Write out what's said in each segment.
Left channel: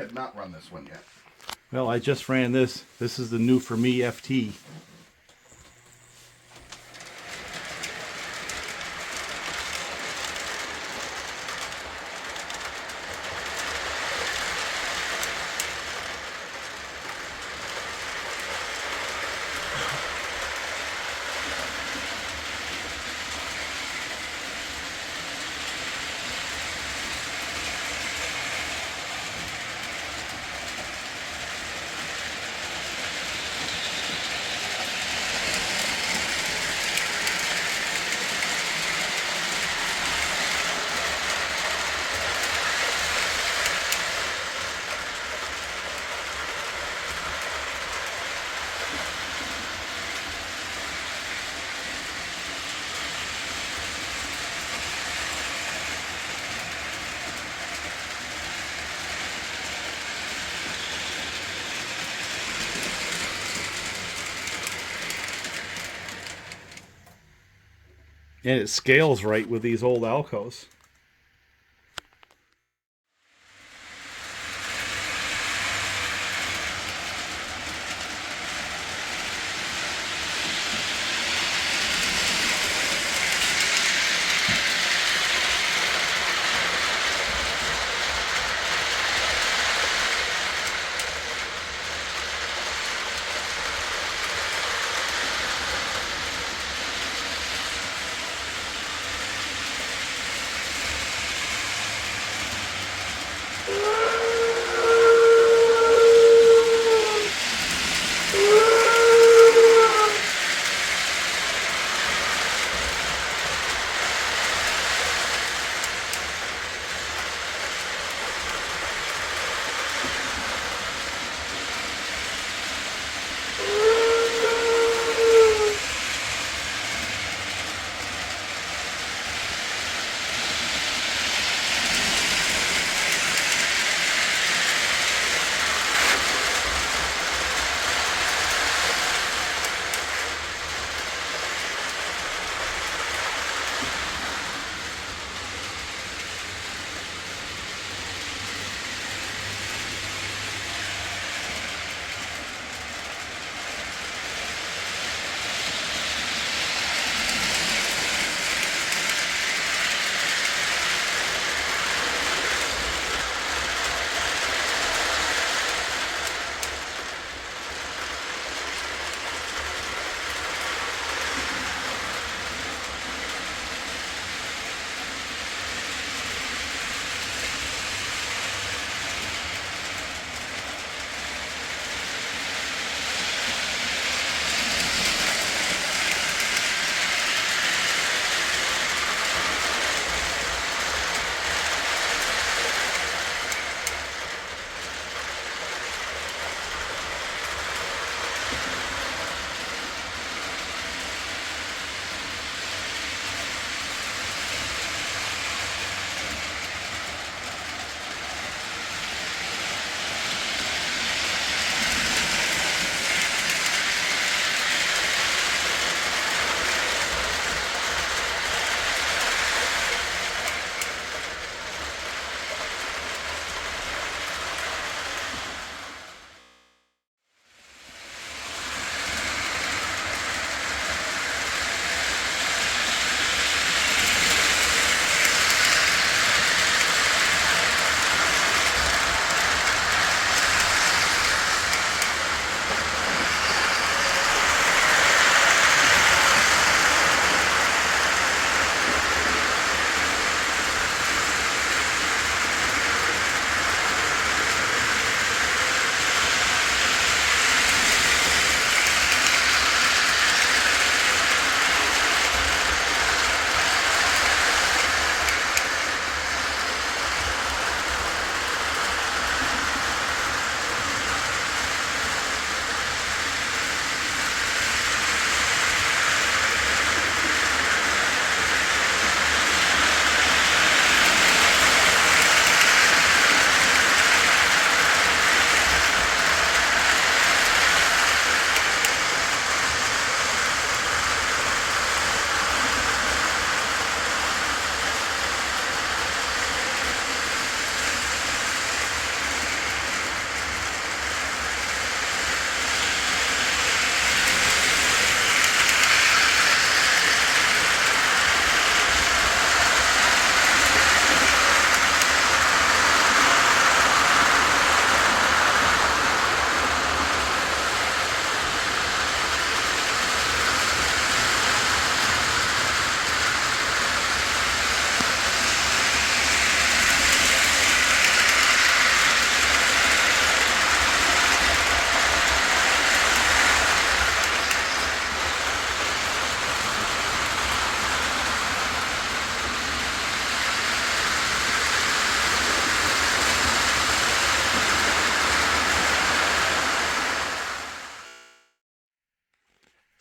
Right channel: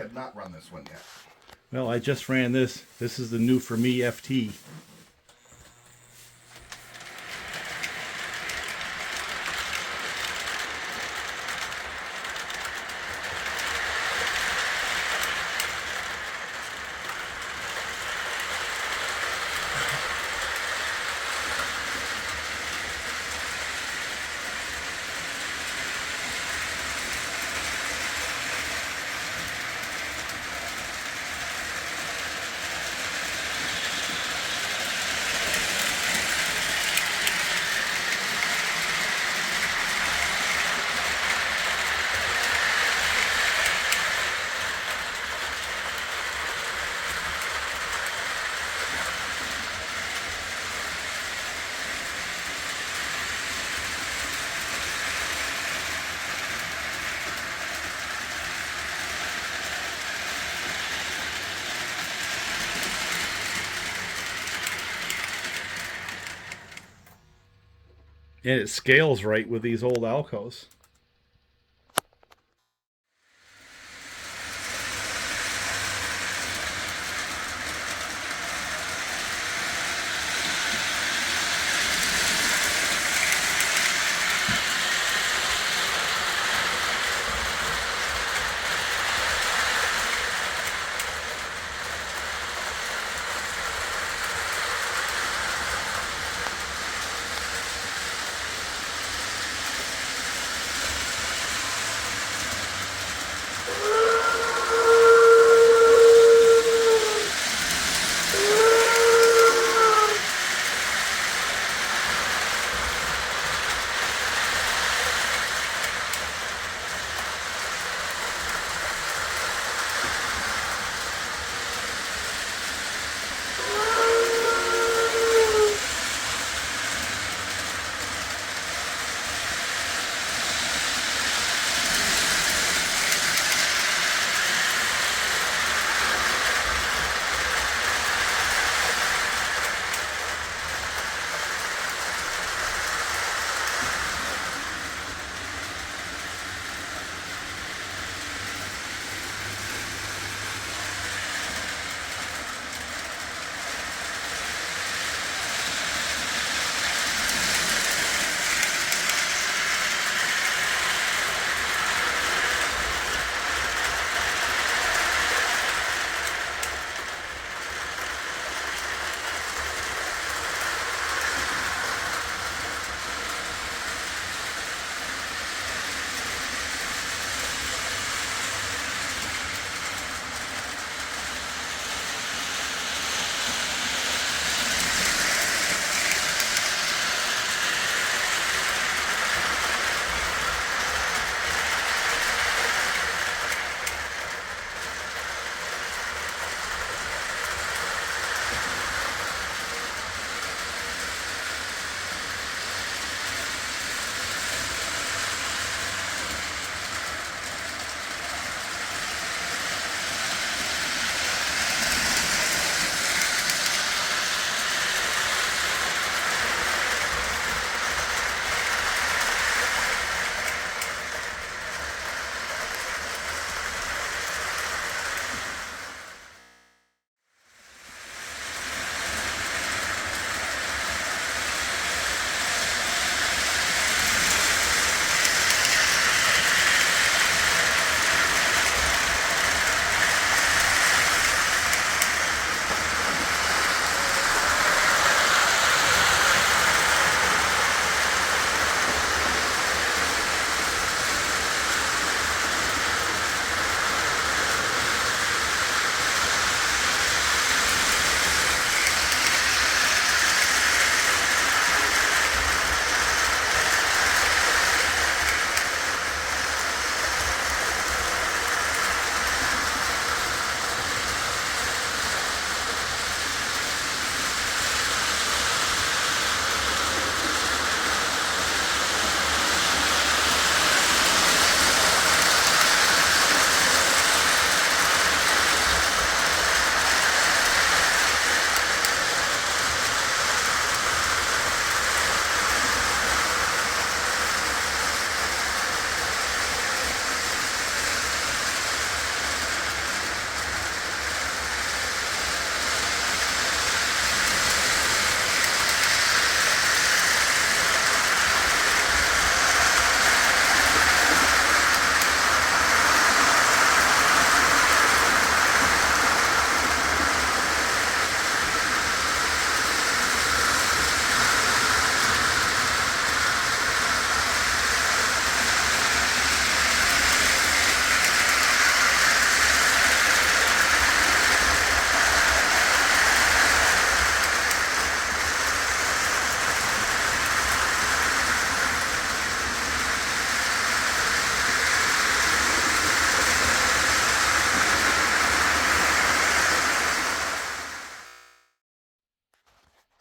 have not run this one yet. Well, I just ran this. This is the new for me FT. And it scales right with these old Alcos.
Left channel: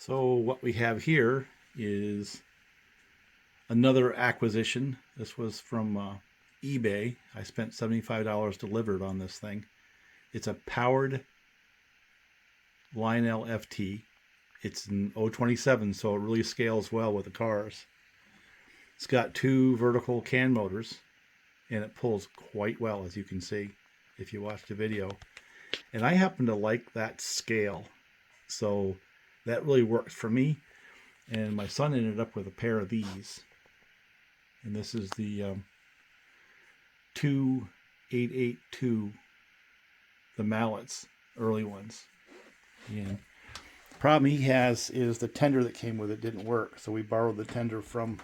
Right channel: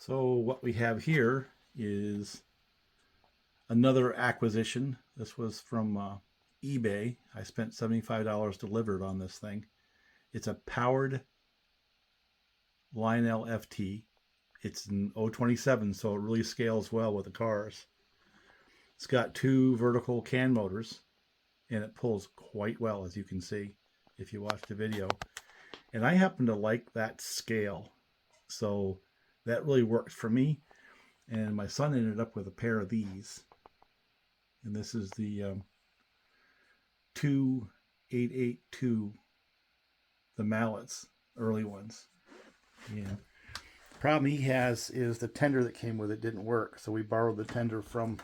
So what we have here is another acquisition. This was from eBay. I spent $75 delivered on this thing. It's a powered Lionel FT. It's an O-27, so it really scales well with the cars. It's got 2 vertical can motors, and it pulls quite well, as you can see if you watch the video. And I happen to like that scale, so that really worked for me. And my son ended up with a pair of these, and this is the 2882, the Mallets, early ones. And the problem he has is the tender that came with it didn't work, so we borrowed the tender from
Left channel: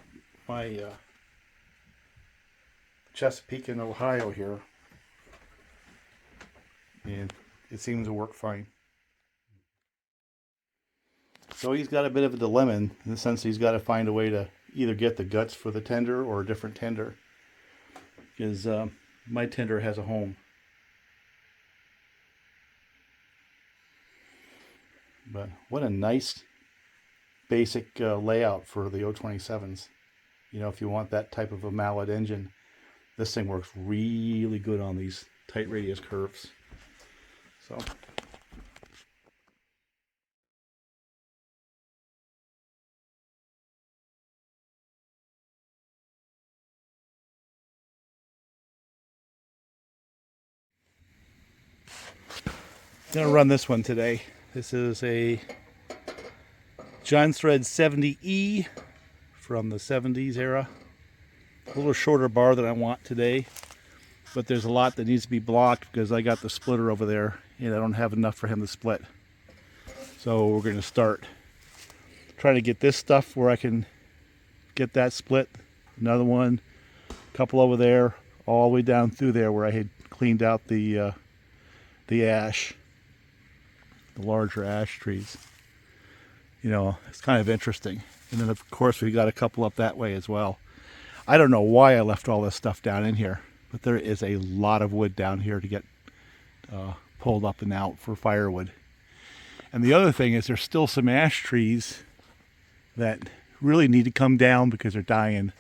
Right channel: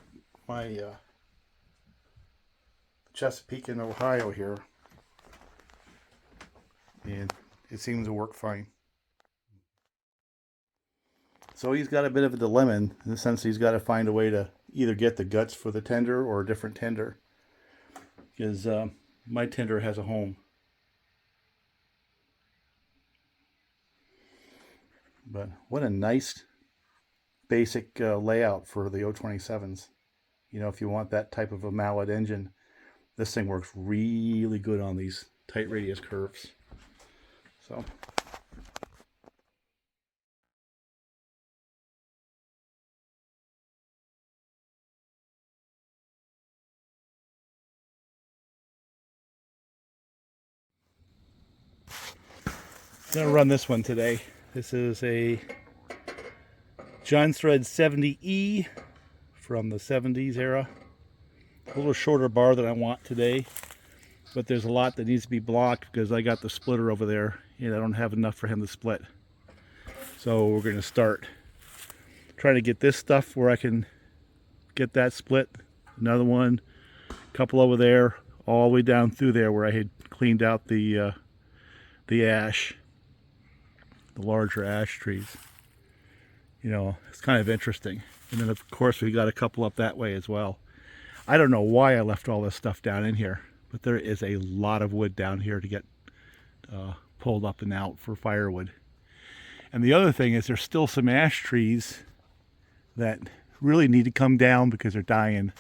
my Chesapeake in Ohio here, and it seems to work fine. So he's got a bit of a dilemma in the sense he's got to find a way to either get the guts for the tender or a different tender, because my tender has a home. But what a nice basic layout for the O-27s. You know, if you want that type of a Mallet engine, this thing works really good on these tight radius curves. So I'm going to run this one today. This is a John Thread 70E from the 70s era. A little shorter bar than I want today, but there's a lot that needs to be blocked because I got the splitter over there and I don't have enough for him to split. So we're going to start trying to get this stuff where I can get that split. Another one, a couple over there, all the way down through there where I had cleaned out the ash, the larger ash trees. You know, it's kind of interesting. And then of course we got a couple up that way as well. I don't know why I left all this stuff down in here, but there is a lot of wood down here to get pulled up and out for firewood. And the other thing is there's still some ash trees that really need to come down because they're dying.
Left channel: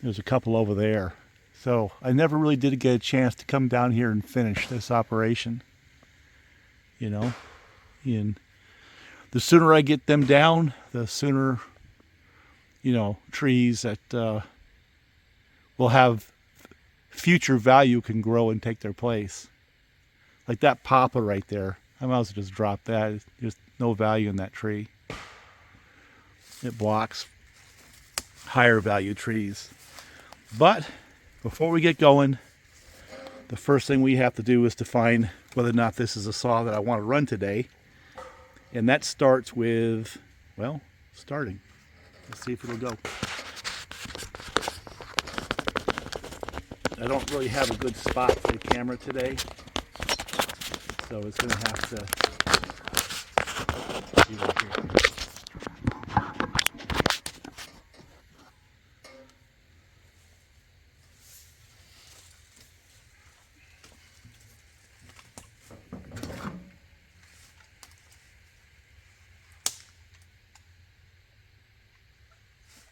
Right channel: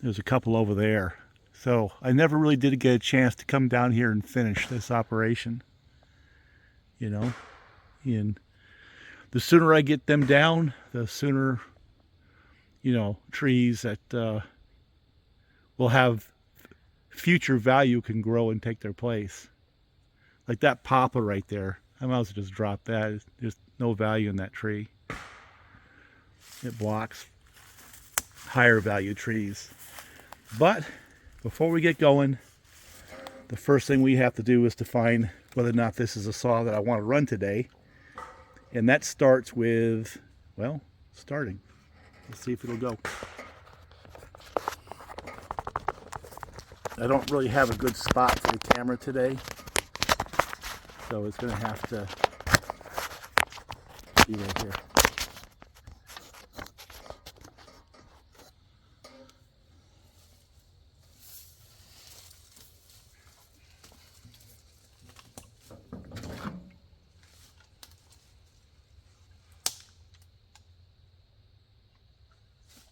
There's a couple over there. So I never really did get a chance to come down here and finish this operation. You know, and the sooner I get them down, the sooner, you know, trees that will have future value can grow and take their place. Like that poplar right there. I might as well just drop that. There's no value in that tree. It blocks higher value trees. But before we get going, the first thing we have to do is to find whether or not this is a saw that I want to run today. And that starts with, well, starting. Let's see if it'll go. I don't really have a good spot for the camera today, so it's going to have to be right here.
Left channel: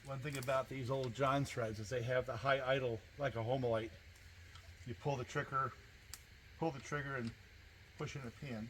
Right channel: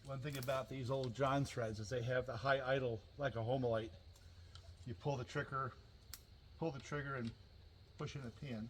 One thing about these old John threads is they have the high idle like a Homelite. You pull the trigger and push in a pin.